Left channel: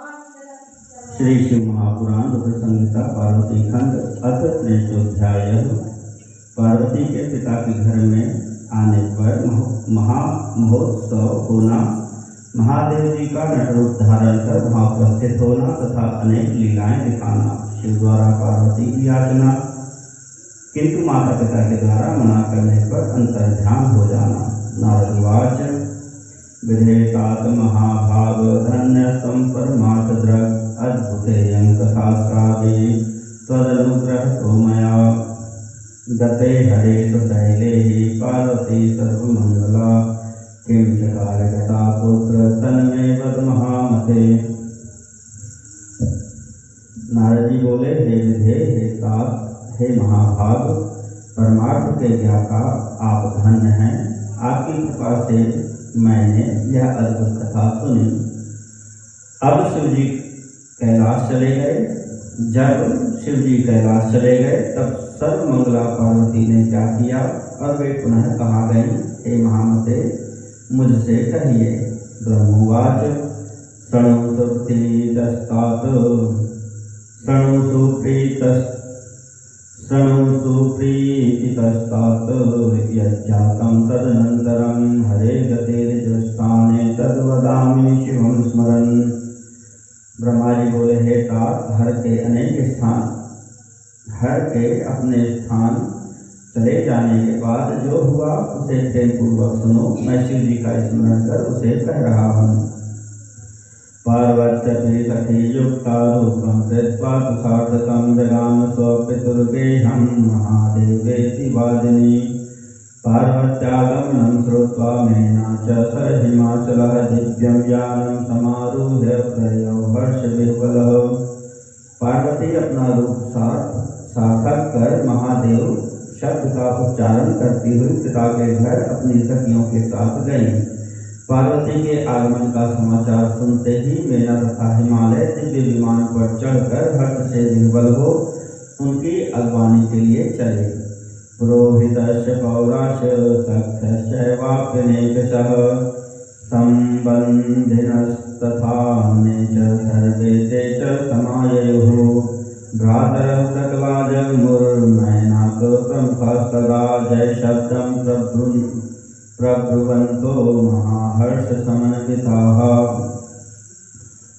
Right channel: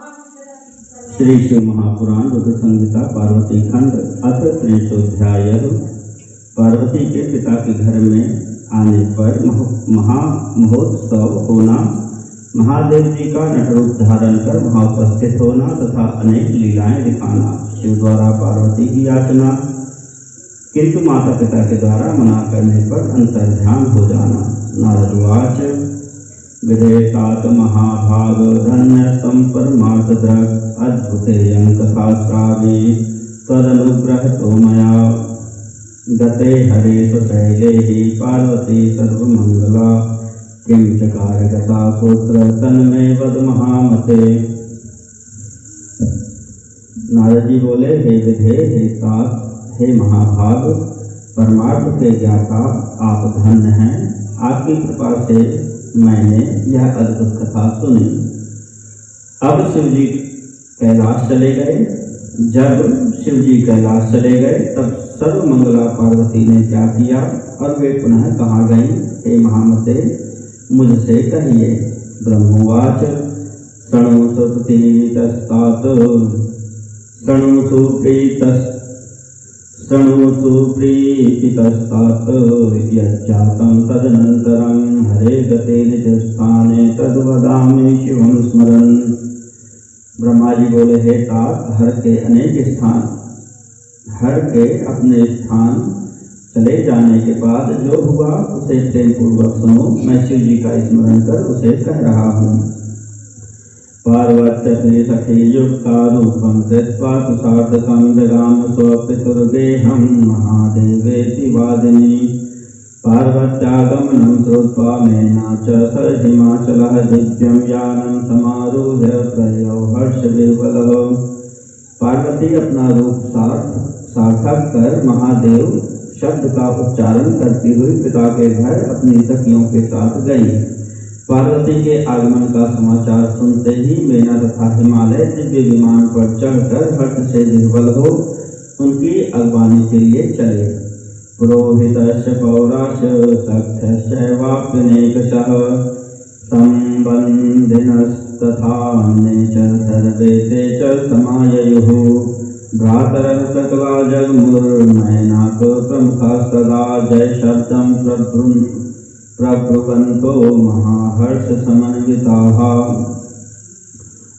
श्री शिव महापुराण रुद्र संहिता पार्वती खंड अथ त्रिशोध्याय। पार्वती के पिता के घर में आने पर महोत्सव होना, महादेव जी का नटरूप धारण कर वहाँ उपस्थित होना तथा अनेक लीलाएं दिखाना, शिव द्वारा पार्वती की याचना, किंतु माता पिता के द्वारा मना करने पर अंतर्ध्यान हो जाना। नारदवाच विदेशात् महाभाग धन्य संपरमार्थ द्रग अद्भुतेयं कथा श्रावी तदनुग्रहतो मया गते हरेश शैलेहि पार्वती सर्वमंगला किं चकार गता पुत्र तन्मे वद महामते। नारद जी बोले, हे विधे, हे तात, हे महाभाग, परमार्थ के ज्ञाता आप धन्य हैं। आपकी कृपा से मैंने यह अद्भुत कथा सुनी। अब शिवजी कैलाश चले गए। जब शिवजी कैलाश चले गए तब सर्वमंगला पार्वती ने क्या किया और वे पुनः कहाँ गई? हे महामते, मुझसे कहिए। ब्रह्मवाच शृणु सुप्रीतस्तात यज्जातं तदनन्तरं हरे गते निजस्थाने तद्वदामि शिवं स्मरन्। ब्रह्मा जी बोले, हे तात, हर के अपने स्थान चले जाने के बाद जो हुआ उसे प्रेम पूर्वक सुनो। मैं शिव जी का स्मरण कर उसे कह रहा हूँ। पार्वती सखी युक्ता रूपं कृत्वा सार्थकं जगाम स्वपितुर्गेहं महादेवेति वादिनी। पार्वत्यागमनं श्रुत्वा मेना च स हिमाचलः दिव्यं यानं समारूह्य प्रयौ हर्षविह्वलः। पार्वती अपना रूप सार्थक कर महादेव शब्द का उच्चारण करती हुई पिता के घर अपनी सखियों के साथ गई। पार्वती के आगमन का समाचार सुनते ही मेना तथा हिमालय दिव्य विमान पर चढ़कर हर्ष से विह्वल हो उनकी अगवानी के लिए चले। पुरोहितस्य पौरास्य सख्यश्चैवाप्यनेकशः संबन्धिनस्तथा अन्ये च सर्वे ते च समाययुः। भ्रातरः सकला जगमुर्मैनाक प्रमुखास्तदा जय शब्दं प्रब्रुवन्तो महाहर्ष समन्विताः।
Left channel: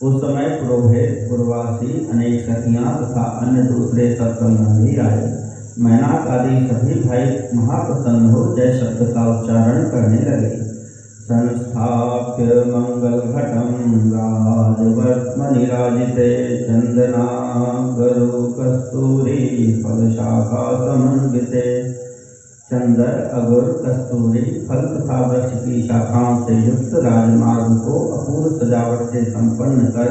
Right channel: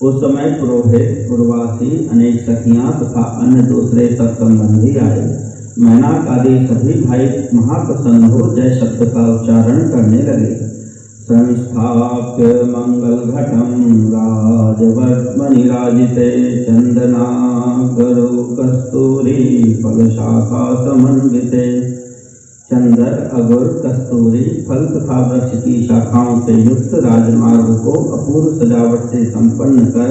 उस समय पुरोहित, पुरवासी, अनेक सखियां तथा अन्य दूसरे सब संबंधी आए। मैनाक आदि सभी भाई महाप्रसन्न हो जय शब्द का उच्चारण करने लगे। संस्थाप्य मंगल घटम राजवर्त्मनिराजिते चंदनागरो कस्तूरी फलशाखा समन्विते। चंदर, अगुर, कस्तूरी फल तथा वृक्ष की शाखाओं से युक्त राजमार्ग को अपूर्व सजावट से संपन्न कर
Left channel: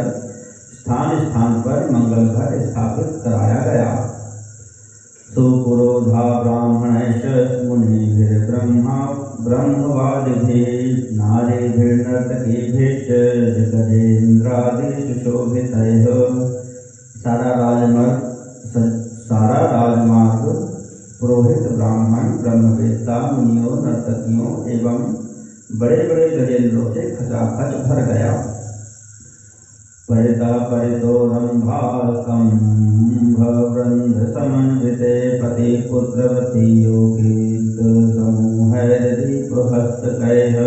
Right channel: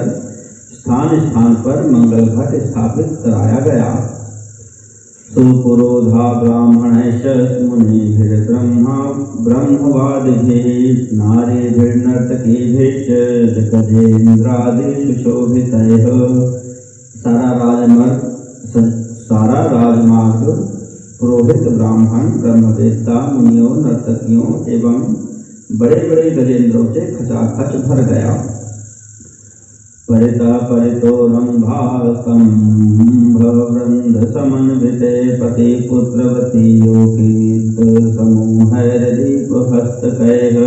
स्थान स्थान पर मंगल घट स्थापित कराया गया। सुपुरोधा ब्राह्मणैश्च मुनिभिर्ब्रह्मवादिभिः नारीभिर्नर्तकीभिश्च गजेन्द्रादिषु शोभितैः। सारा राजमार्ग पुरोहित, ब्राह्मण, ब्रह्मवेत्ता, मुनियों, नर्तकियों एवं बड़े बड़े गजेंद्रों से खचाखच भर गया। परितः परितोरंभास्तंभवृंद समन्विते पति पुत्रवती योगीत समूहैर्दीपहस्तकैः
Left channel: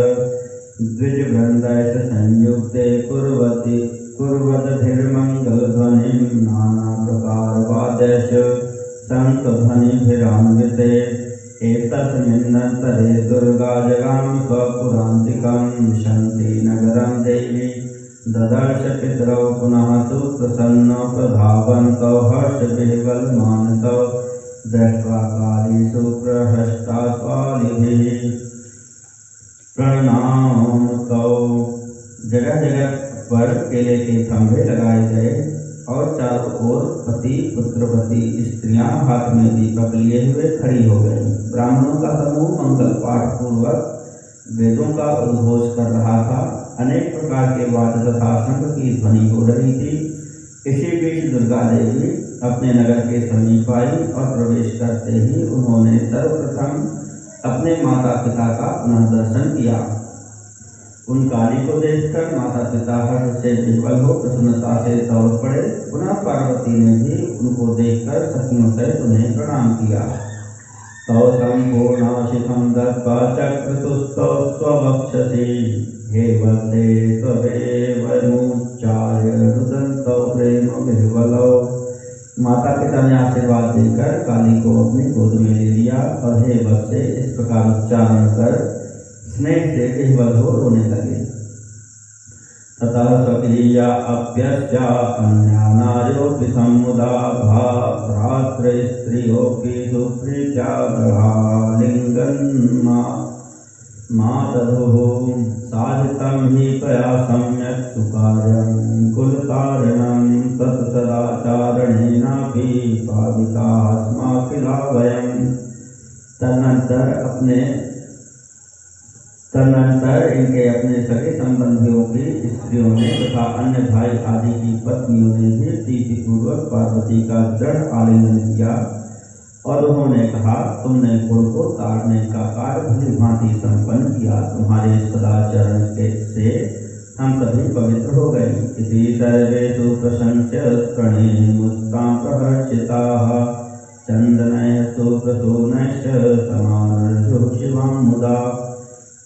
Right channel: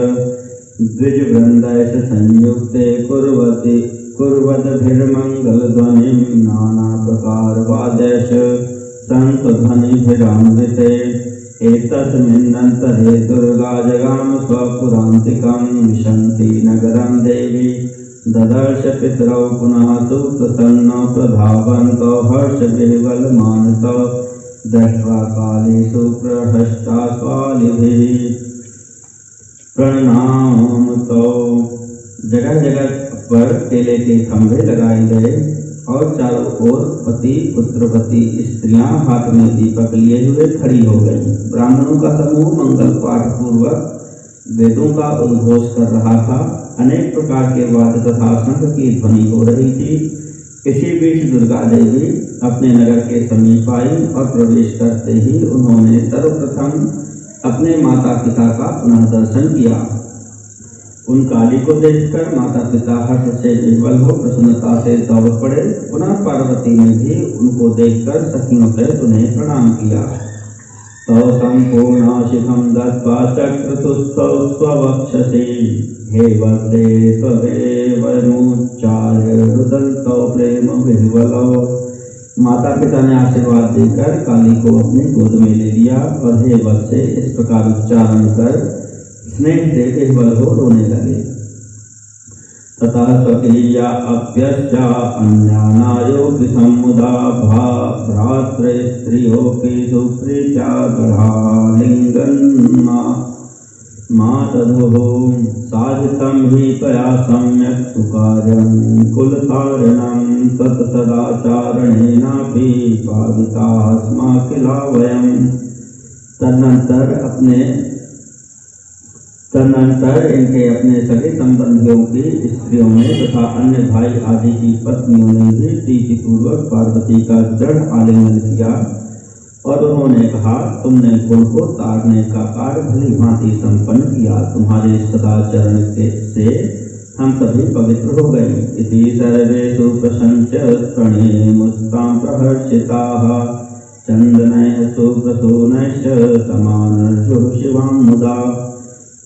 द्विजवृन्दैश्च संयुक्ते कुर्वद्भिर्मङ्गलध्वनिं नाना प्रकार वाद्यैश्च शङ्खध्वनिभिरान्विते। एतस्मिन्नन्तरे दुर्गा जगाम स्वपुरान्तिकं विशन्ति नगरं देवी ददर्श पितरौ पुनः सुप्रसन्नौ प्रधावन्तौ हर्षविह्वलमानसौ दृष्ट्वा कालेषु प्रहष्टा स्वालिभिः प्रणामतौ। जगह जगह पर केले के खंभे लगाए गए और चारों ओर पति पुत्रवती स्त्रियां हाथ में दीपक लिए हुए खड़ी हो गई। ब्राह्मणों का समूह मंगल पाठ पूर्वक वेदों का उद्घोष कर रहा था। अनेक प्रकार के वाद्य तथा शंख की ध्वनि हो रही थी। इसी बीच दुर्गा देवी अपने नगर के समीप आई और प्रवेश करते ही उन्होंने सर्वप्रथम अपने माता पिता का पुनः दर्शन किया। उन काली को देखकर माता पिता हर्ष से विह्वल हो प्रसन्नता से दौड़ पड़े। पुनः पार्वती ने भी उनको देखकर सखियों सहित उन्हें प्रणाम किया। तौ संपूर्णाशिखं दत्त्वा चक्रतुस्तौ स्ववक्षसि हे वन्दे त्वमेव मुच्चार्य रुदन्तौ प्रेम विह्वलौ। माता पिता ने आशीर्वाद देकर काली को अपनी गोद में ले लिया और हे वत्से इस प्रकार उच्चारण कर स्नेह से विह्वल हो रोने लगे। ततः स्वकीया अप्यस्या अन्या नार्योऽपि समुदा भ्रातृस्त्रियोऽपि सुप्रीत्या गृहालिङ्गन् मातधुः साधितं हि त्वया सम्यक् सुकार्यं कुलकारणं तत्सदाचारणेनापि पाविताः स्मः किल वयम्। तदनंतर इनके अपने सगे संबंधियों की स्त्रियों ने तथा अन्य भाई आदि की पत्नियों ने भी प्रीतिपूर्वक पार्वती का दृढ़ आलिंगन किया और उन्होंने कहा, तुमने कुल को तारने का कार्य भली भांति संपन्न किया। तुम्हारे सदाचरण से हम सभी पवित्र हो गए। इति सर्वेषु प्रशंस्य प्रणेमुस्तां प्रहर्षिताः चंदनैः सुप्रसूनैश्च समानर्षुः शिवां मुदा।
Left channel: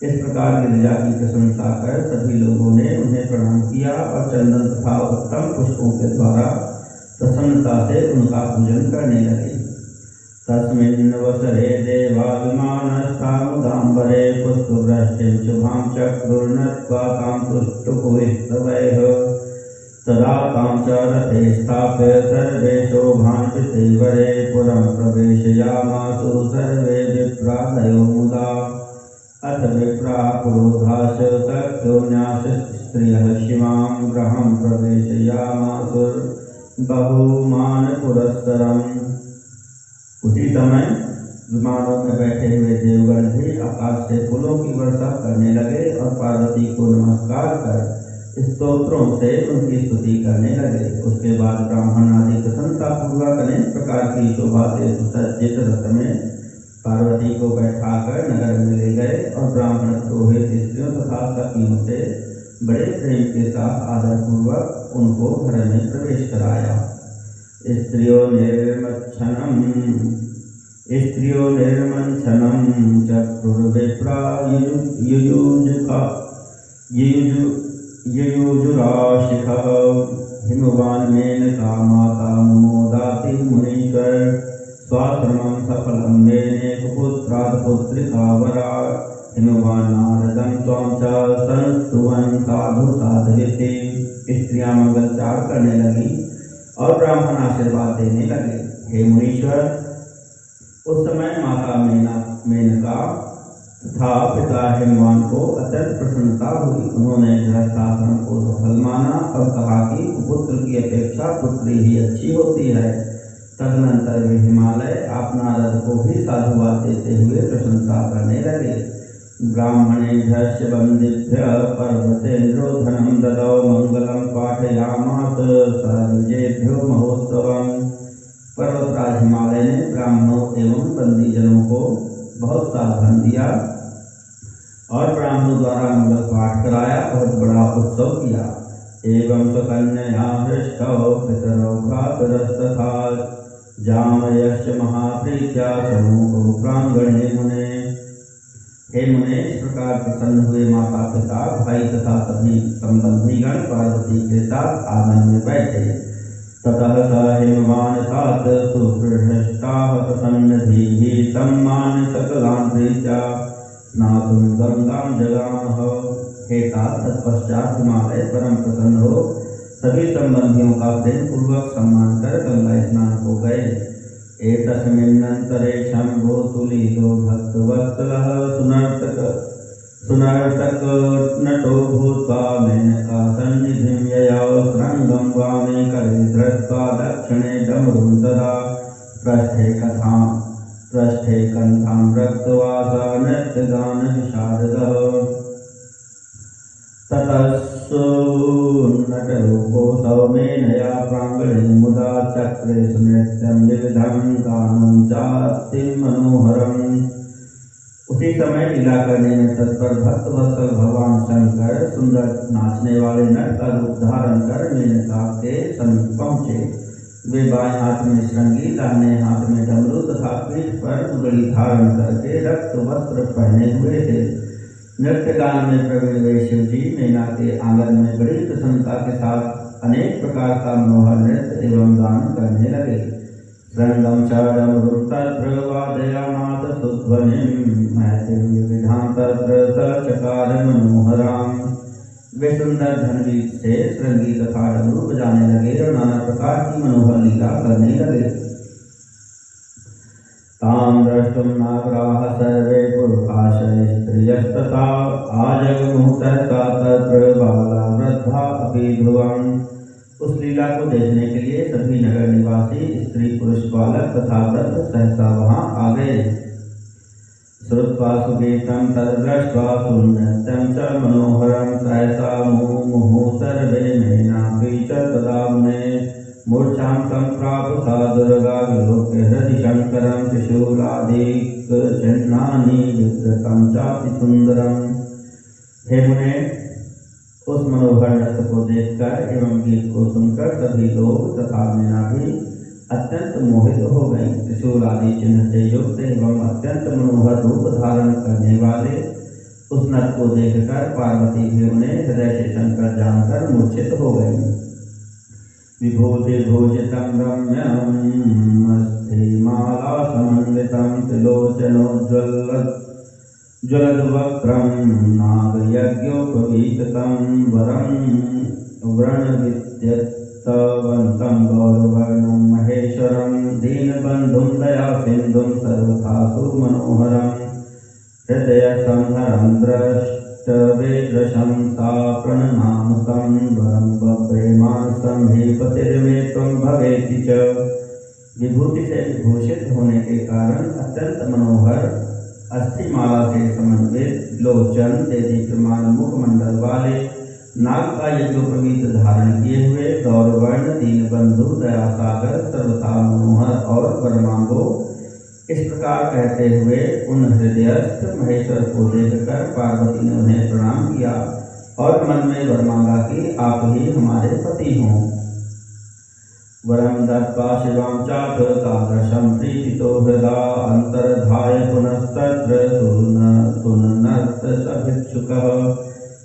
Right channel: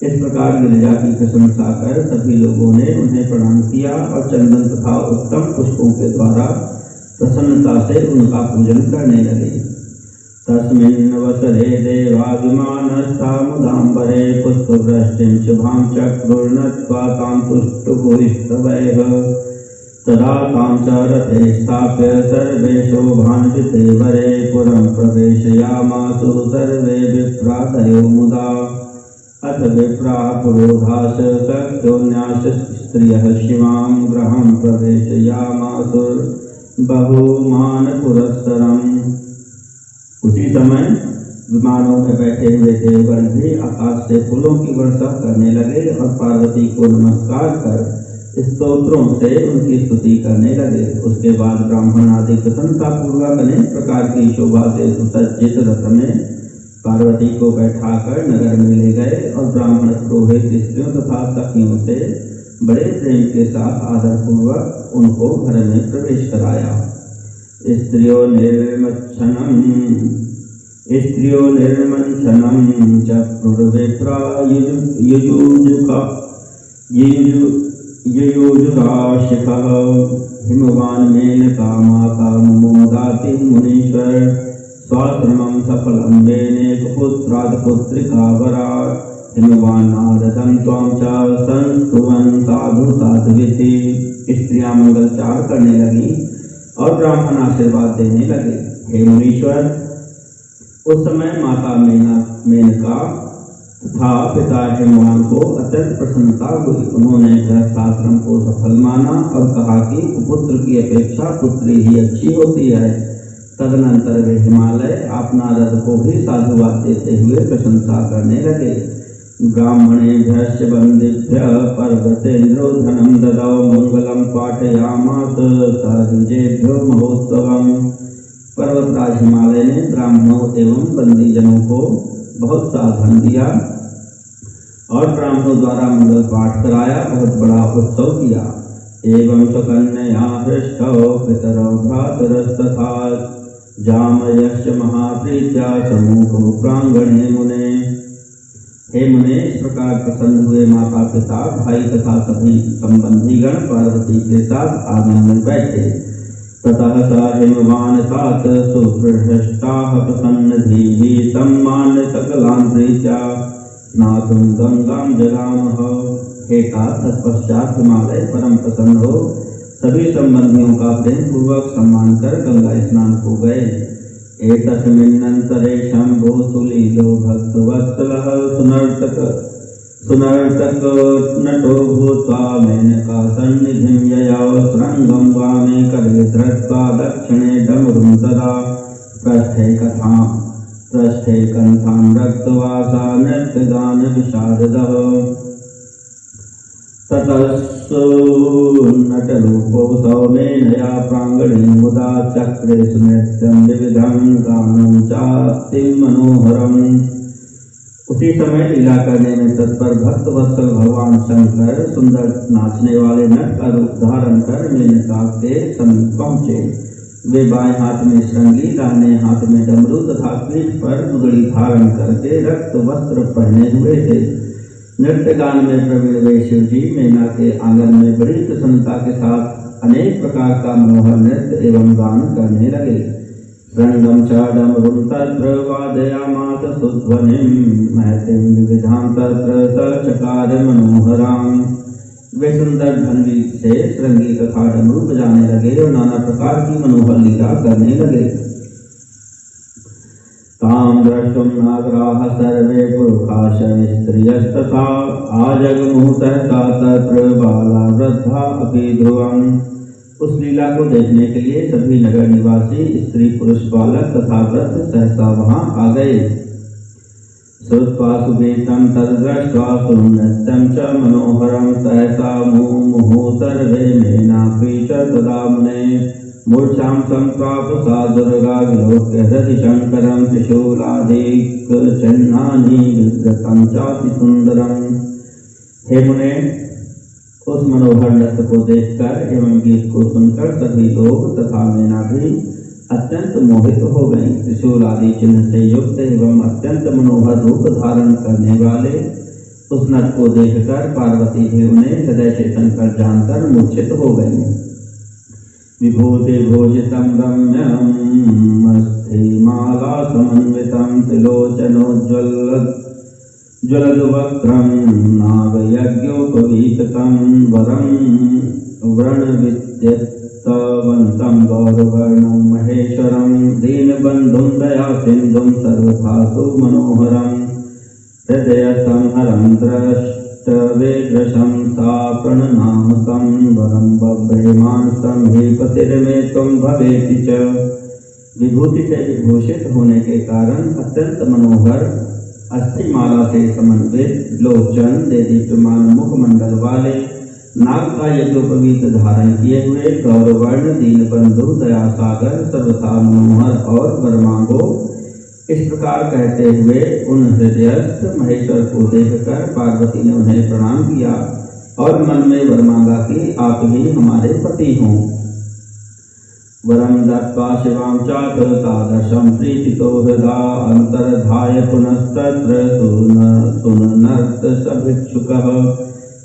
इस प्रकार गिरिजा की प्रशंसा कर सभी लोगों ने उन्हें प्रणाम किया और चंदन तथा उत्तम पुष्पों के द्वारा प्रसन्नता से उनका पूजन करने लगे। तस्मिन् वसरे देवा विमानस्था मुदाम्बरे पुष्पवृष्टिं शुभां चक्रुर्नत्वा तां तुष्टुपुष्पवैः तदा तां च रथे स्थाप्य सर्वे शोभान्विते वरे पुरं प्रवेशयामासु सर्वे विप्रादयो मुदा। अथ विप्राः पुरोधाश सख्योन्यास स्त्रियः शिवां गृहं प्रवेशयामासुर्बहुमानपुरस्सरम्। उसी समय विमानों में बैठे हुए देवगण भी आकाश से फूलों की वर्षा करने लगे और पार्वती को नमस्कार कर स्तोत्रों से उनकी स्तुति करने लगे। उसके बाद ब्राह्मण आदि प्रसन्नता पूर्वक अनेक प्रकार की शोभा से सुसज्जित रथ में पार्वती को बैठाकर नगर में ले गए और ब्राह्मण पुरोहित स्त्रियों तथा सखियों से बड़े प्रेम के साथ आदर पूर्वक उनको घर में प्रवेश कराया। स्त्रियों निर्मंसनम चक्रुर्विप्रा युयुजुगाशिखः हिमवान् मेनका माता मुमोदाति मुनीश्वर स्वाश्रमं सफलं मेनेक पुत्रात् पुत्रिका वरात् हिमवान् नारदं त्वां च संस्तुवन् साधु साध्वीति। स्त्रियां मंगलचार करने लगी और ब्राह्मण आशीर्वाद देने लगे। हे मुनीश्वर, उस समय माता मेनका तथा पिता हिमवान को अत्यंत प्रसन्नता हुई। उन्होंने गृहस्थाश्रम को सफल माना और कहा कि पुत्र की अपेक्षा पुत्री ही अच्छी होती है। तदनंतर वे हिमालय आप नारद को भी साधुवाद देते हुए प्रशंसा करने लगे। ब्राह्मणेभ्यश्च वन्देभ्यः पर्वतेन्द्रो धनं ददौ मंगलं पाठयामास सद्विजेभ्यो महोत्सवम्। पर्वतराज हिमालय ने ब्राह्मणों एवं बंदीजनों को बहुत सा धन दिया और ब्राह्मणों द्वारा मंगल पाठ कराया, बहुत बड़ा उत्सव किया। एवं सुकन्या हृष्टौ पितरौ भ्रातरस्तथा जामयश्च महाप्रीत्या सम्मुखौ प्रांगणे मुने। हे मुने, इस प्रकार प्रसन्न हुए माता पिता भाई तथा सभी संबंधीगण पार्वती के साथ आंगन में बैठे। ततः स हिमवान् तात सुहृष्टाः प्रसन्नधीः सम्मान्य सकलान् प्रीत्या स्नातुं गंगां जगामः। हे तात, तत्पश्चात हिमालय परम प्रसन्न हो सभी संबंधियों का प्रेम पूर्वक सम्मान कर गंगा स्नान को गए। एतस्मिन्नन्तरे शंभो सुलीलो भक्तवत्सलः सुनर्तक नटो भूत्वा मेनका सन्निधिं ययौ श्रृंगं वामे करे धृत्वा दक्षिणे डमरुं तदा पृष्ठे कन्थां रक्तवासा नृत्यगान विषादः। ततस्सुन्नटरूपो सौमेनया प्राङ्गणे मुदा चक्रे सुनृत्यं विविधं गानं चाति मनोहरम्। उसी समय लीला करने में तत्पर भक्त वत्सल भगवान शंकर सुंदर नाचने वाले नट का रूप धारण कर मेनका के समीप पहुँचे। वे बाएं हाथ में श्रृंगी, दाहिने हाथ में डमरू तथा पीठ पर मुदड़ी धारण करके रक्त वस्त्र पहने हुए थे। नृत्य गान में प्रवीण वे शिव जी मेना के आंगन में बड़ी प्रसन्नता के साथ अनेक प्रकार का मनोहर नृत्य एवं गान करने लगे। रंगम चाडम तत्र वादयामास सुध्वनिं महतिं विविधां तत्र सचकार मनोहरां। वे सुंदर धनवी से श्रृंगी तथा डमरू बजाने लगे और नाना प्रकार की मनोहर लीला करने लगे। तां द्रष्टुं नागराः सर्वे पुरुषाः स्त्रियस्तथा आजगमुः सहसा तत्र बाला वृद्धा अपि ध्रुवम्। उस लीला को देखने के लिए सभी नगर निवासी स्त्री पुरुष बालक तथा वृद्ध सहसा वहां आ गए। श्रुत्वा सुगीतं तद्दृष्ट्वा सुनृत्यं च मनोहरं सहसा मुहुः सर्वे मेनापि च तदा मुने। मूर्छां सम्प्राप सा दुर्गा विलोक्य हृदि शंकरं त्रिशूलादिक चिह्नानि विधृतं चाति सुंदरम्। हे मुने, उस मनोहर नृत्य को देखकर एवं गीत को सुनकर सभी लोग तथा मैना भी अत्यंत मोहित हो गई। त्रिशूल आदि चिन्ह से युक्त एवं अत्यंत मनोहर रूप धारण करने वाले उस नृत्य को देखकर पार्वती भी उन्हें हृदय से शंकर जानकर मूर्छित हो गई। विभूति भोजितं रम्यं मस्तिमाला समन्वितं त्रिलोचनोज्ज्वलद्वक्त्रं नागयज्ञोपवीततं वरं व्रणविद्यत्तवन्तं गौरवर्णं महेश्वरं दीनबन्धुं दयासिन्धुं सर्वथा सुमनोहरं हृदयसंहरं द्रष्टवेदृशं सा प्रणनामकं वनं बभ्रेमानसं हे पतिर्मे त्वं भवेति च। विभूति से विभूषित होने के कारण अत्यंत मनोहर अस्थिमाला से समन्वित लोचन दे दीप्यमान मुखमंडल वाले नाग का यज्ञोपवीत धारण किए हुए गौरवर्ण दीनबंधु दयासागर सर्वथा मनोहर और वरमांगो, इस प्रकार कहते हुए उन हृदयस्थ महेश्वर को देखकर पार्वती ने उन्हें प्रणाम किया और मन में वर मांगा कि आप ही हमारे पति हों। वरम दत्त्वा शिवां चातुरतादशं प्रीतितो हृदा अंतर्धाय पुनस्तत्र सुननर्तसभिक्षुकः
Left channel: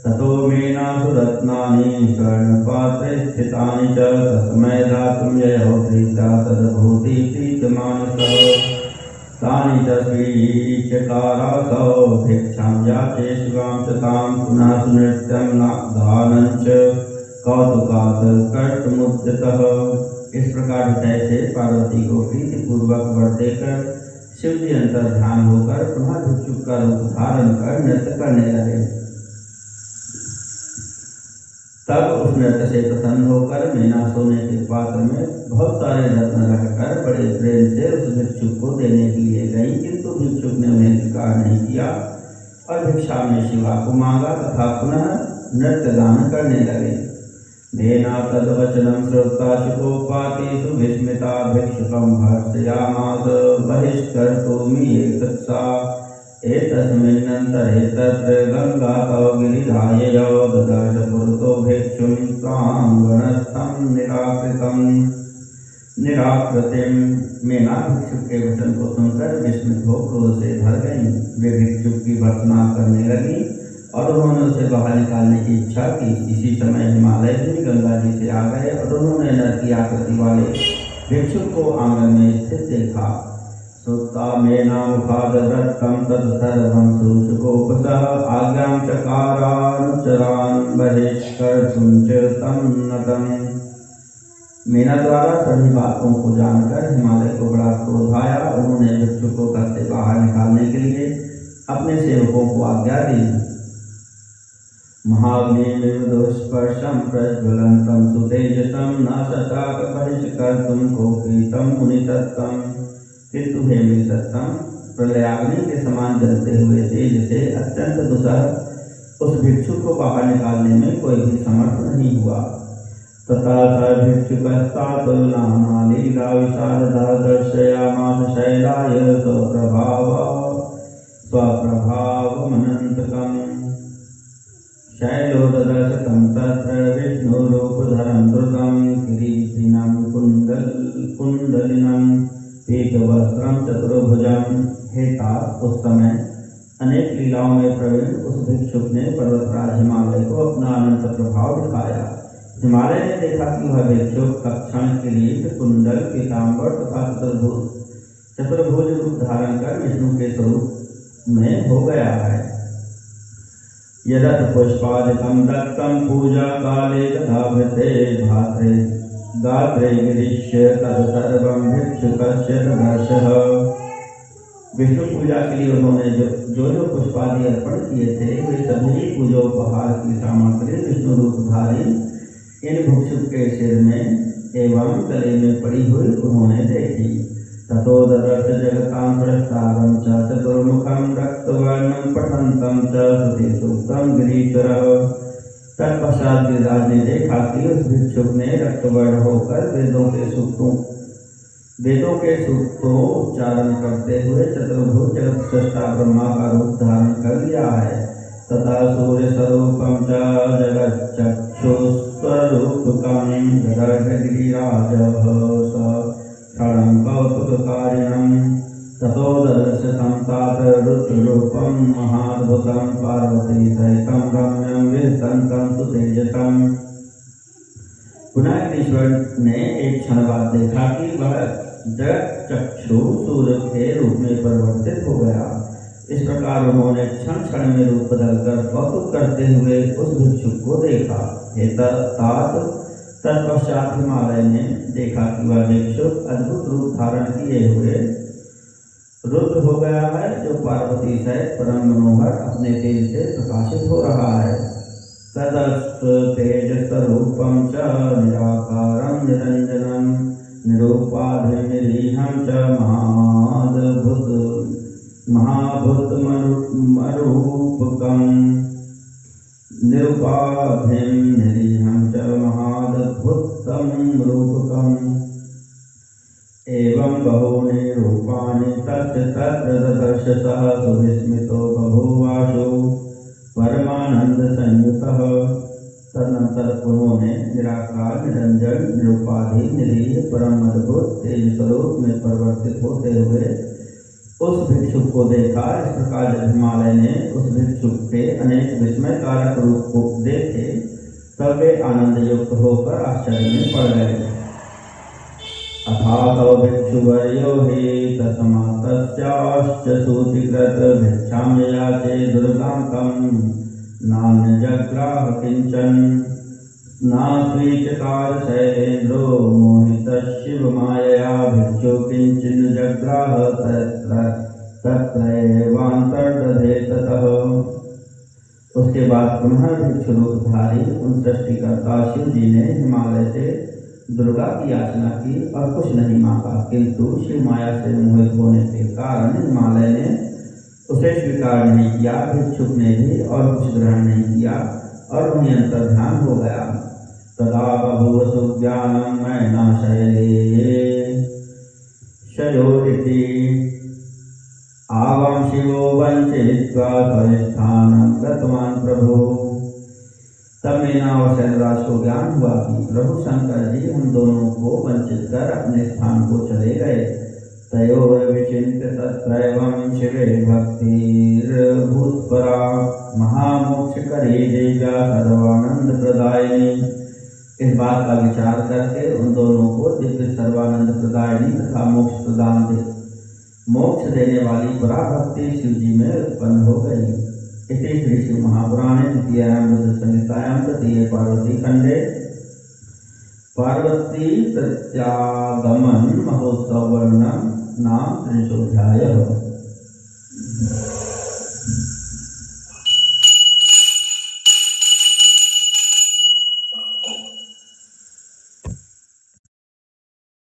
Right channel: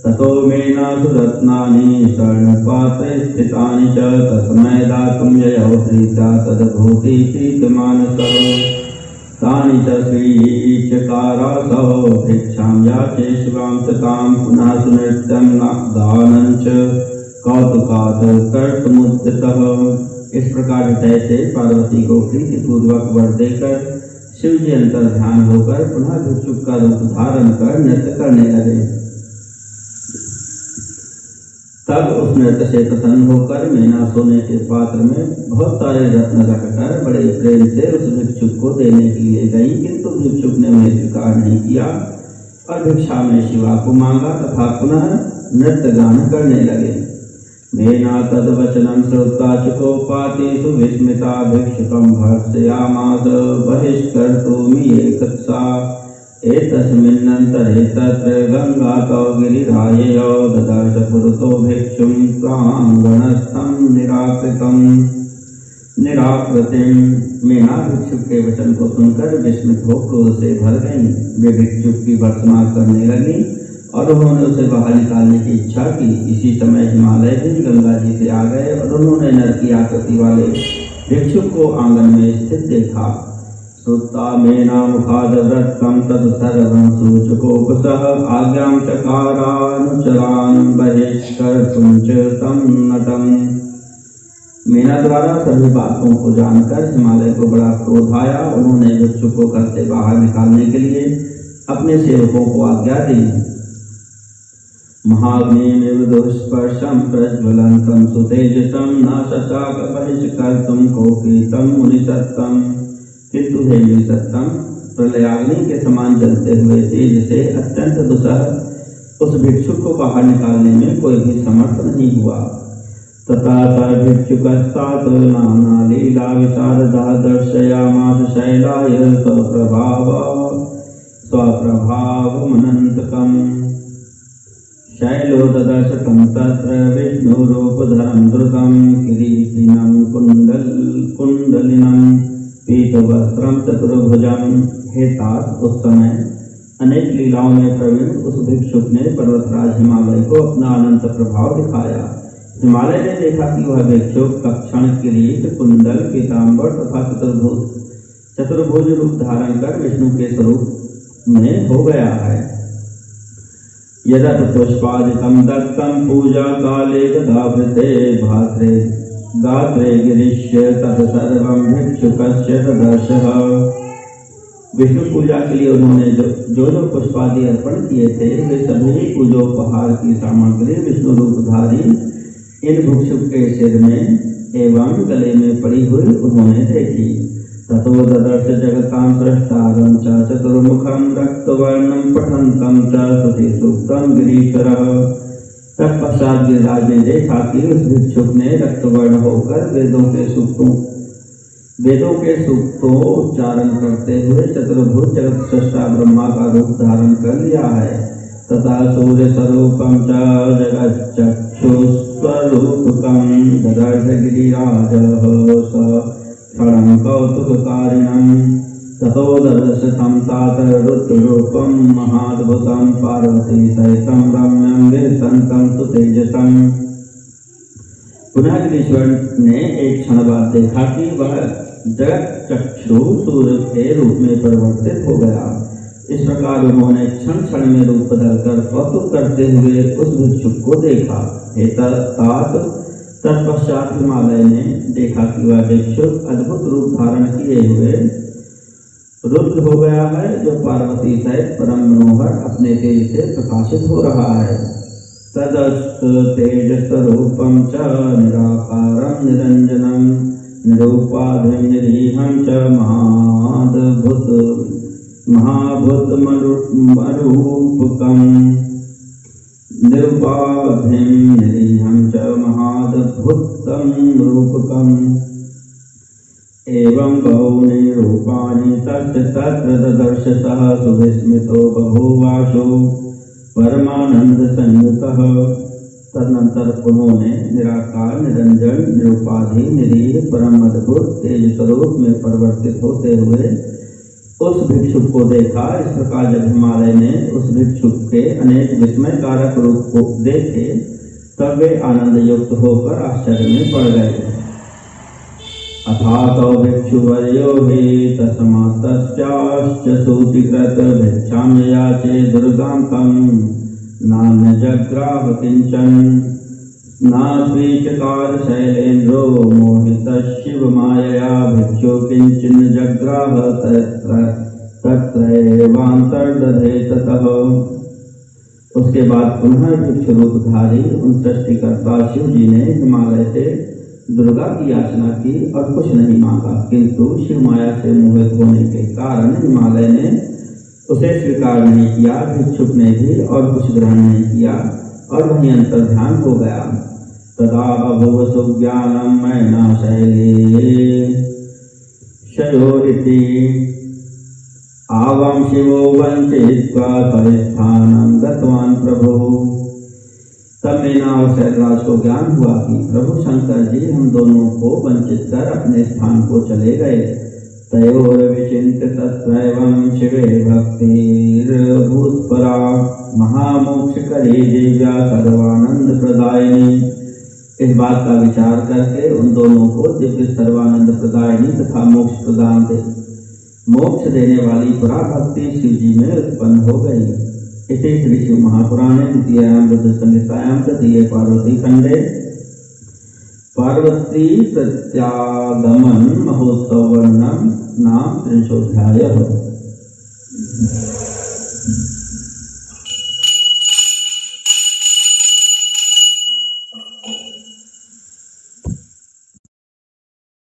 ततो मेना सुरत्नानि स्वर्णपात्रे स्थितानि च तस्मै दातुं ययौ प्रीत्या तद्भूति प्रीतमानसः। तानि च श्रीचकारासौ भिक्षां याचे शिवां च तां पुनः सुनृत्यं गानं च कौतुकात् कर्तुमुद्यतः। इस प्रकार हृदय से पार्वती को प्रीतिपूर्वक वर देकर शिव जी अंतर ध्यान होकर पुनः भिक्षुक का रूप धारण कर नृत्य करने लगे। तब उस नृत्य से प्रसन्न होकर मैना सोने के पात्र में बहुत सारे रत्न रखकर बड़े प्रेम से उस भिक्षुक को देने के लिए गई, किंतु भिक्षुक ने उन्हें स्वीकार नहीं किया और भिक्षा में शिवा को मांगा तथा पुनः नृत्य गान करने लगे। मेना तद्वचनं श्रुत्वा शुकोपाति सुविस्मिता भिक्षुकं भर्त्सयामास बहिष्कर्तुमियेतत्सा। एतस्मिन्नन्तरे तत्र गङ्गातौ गिरिराययौ ददर्श पुरतो भिक्षुं प्राङ्गणस्थं निराकृतिं। मेना भिक्षुक के वचन को सुनकर विस्मित हो क्रोध से भर गई। वे भिक्षुक की भर्त्सना करने लगी और उन्होंने उसे बाहर निकालने की इच्छा की। इसी समय हिमालय भी गंगा जी से आ गए और उन्होंने नर की आकृति वाले भिक्षुक को आंगन में स्थित देखा। श्रुत्वा मेना मुखादव्रतं तत्सर्वं सूचकोपसः आज्ञां चकारानुचरान् बहिष्कर्तुं च तं नटम्। मेना द्वारा सभी बातों को जानकर हिमालय को बड़ा क्रोध आया। उन्होंने भिक्षुक को घर से बाहर निकालने के लिए अपने सेवकों को आज्ञा दी। महाग्निमिव दुष्पर्शं प्रज्वलन्तं सुतेजसं न शशाक बहिष्कर्तुं कोपि तं मुनिसत्तं। किंतु हे मुनिसत्तम, प्रलयाग्नि के समान जलते हुए तेज से अत्यंत दुस्सह उस भिक्षुक को बाहर निकालने में कोई भी समर्थ नहीं हुआ। तथा स भिक्षुकस्तात् नाना लीला विशारदा दर्शयामास शैलाय स्वप्रभावमनन्तकम् शैलो ददर्शकं तत्र विष्णुरूपधरं द्रुतं किरीटिनं कुण्डलिनं पीतवस्त्रं चतुर्भुजं। हे तात, उस समय अनेक लीलाओं में प्रवीण उस भिक्षुक ने पर्वतराज हिमालय को अपना अनंत प्रभाव दिखाया। हिमालय ने देखा कि वह भिक्षुक कक्षण, किरीट, कुंडल, पीताम्बर तथा चतुर्भुज रूप धारण कर विष्णु के स्वरूप में हो गया है। यदत पुष्पादिकं दत्तं पूजा काले ददाभृते भात्रे गात्रे गिरीश्य तत्सर्वं भिक्षुकस्य ददर्शः। विष्णु पूजा के लिए उन्होंने जो पुष्पादि अर्पण किए थे वे सभी पूजोपहार की सामग्री विष्णु रूपधारी इन भिक्षुक के सिर में एवं गले में पड़ी हुई उन्होंने देखी। ततो ददर्श जगतां सृष्टारं च चतुर्मुखं रक्तवर्णं पठन्तं च श्रुति सूक्तं गिरीश्वरः। तत्पश्चात गिरिराज ने देखा कि उस भिक्षुक ने रक्तवर्ण होकर वेदों के सूक्तों उच्चारण करते हुए चतुर्भुज जगत सृष्टा ब्रह्मा का रूप धारण कर लिया है। तथा सूर्य स्वरूपं च जगच्चक्षुस्वरूपकं ददर्श गिरिराजः स क्षणं कौतुककारिणं। ततो ददर्श तं तात रुद्ररूपं महाद्भुतं पार्वती सहितं रम्यं विलसन्तं सुतेजसम्। पुनः गिरीश्वर ने एक क्षण बाद देखा कि वह जगत चक्षु सूर्य के रूप में परिवर्तित हो गया। इस प्रकार उन्होंने क्षण क्षण में रूप बदलकर कौतुक करते हुए उस भिक्षुक को देखा। हे तात, तत्पश्चात हिमालय ने देखा कि वह भिक्षुक अद्भुत रूप धारण किए हुए रुद्र हो गया है, जो पार्वती सहित परम मनोहर अपने तेज से प्रकाशित हो रहा है। तदस्त तेजस्वरूपं च निराकारं निरंजनं निरूपाधिं निरीहं च महाभूतमरूपकं निरूपाधिं निरीहं च महाद्भुतं रूपकम्। एवं बहूनि रूपाणि तस्य तत्र ददर्श सः सुविस्मितो बभूवाशो परमानंद संयुतः। तदनंतर उन्होंने निराकार, निरंजन, निरूपाधि, निरीह, परम अद्भुत तेज स्वरूप में परिवर्तित होते हुए उस भिक्षुक को देखा। इस प्रकार जब हिमालय ने उस भिक्षुक के अनेक विस्मयकारक रूप को देखे तब वे आनंद युक्त होकर आश्चर्य में पड़ गए। अथातो भिक्षुवर्यो हि तस्मात् तस्याश्च सूचिकृत भिक्षां ययाचे दुर्गां तं नान्यजग्राह किंचन। नास्वीचकार शैलेन्द्रो मोहितः शिवमायया भिक्षु किंचन जग्राह तत्रैवान्तर्दधे ततः। उसके बाद पुनः भिक्षु रूपधारी उन सृष्टिकर्ता शिव जी ने हिमालय से दुर्गा की याचना की और कुछ नहीं मांगा, किंतु शिव माया से मोहित होने के कारण हिमालय ने उसे स्वीकार नहीं किया। भिक्षुक ने भी और कुछ ग्रहण नहीं किया और वहीं अंतर्ध्यान हो गया। तदा बभूव सुज्ञानं मैना शैले शयोरिति आवां शिवो वंचित्वा स्वस्थानं गतवान् प्रभु। तब मीना और शैलराज को ज्ञान हुआ कि प्रभु शंकर जी हम दोनों को वंचित कर अपने स्थान को चले गए। तयोर्विचिन्त्य तत्रैवं शिवे भक्तिर्भूतपरा महामोक्षकरी दिव्या सर्वानंद प्रदायिनी। इस बात का विचार करके उन दोनों को दिव्य सर्वानंद प्रदायिनी तथा मोक्ष देने वाली पराभक्ति शिव जी में उत्पन्न हो गई। इति श्री शिव महापुराणे द्वितीयायां रुद्र संहितायां तृतीये पार्वती खंडे पार्वती प्रत्यागमन महोत्सव वर्णन नाम 3अध्यायः।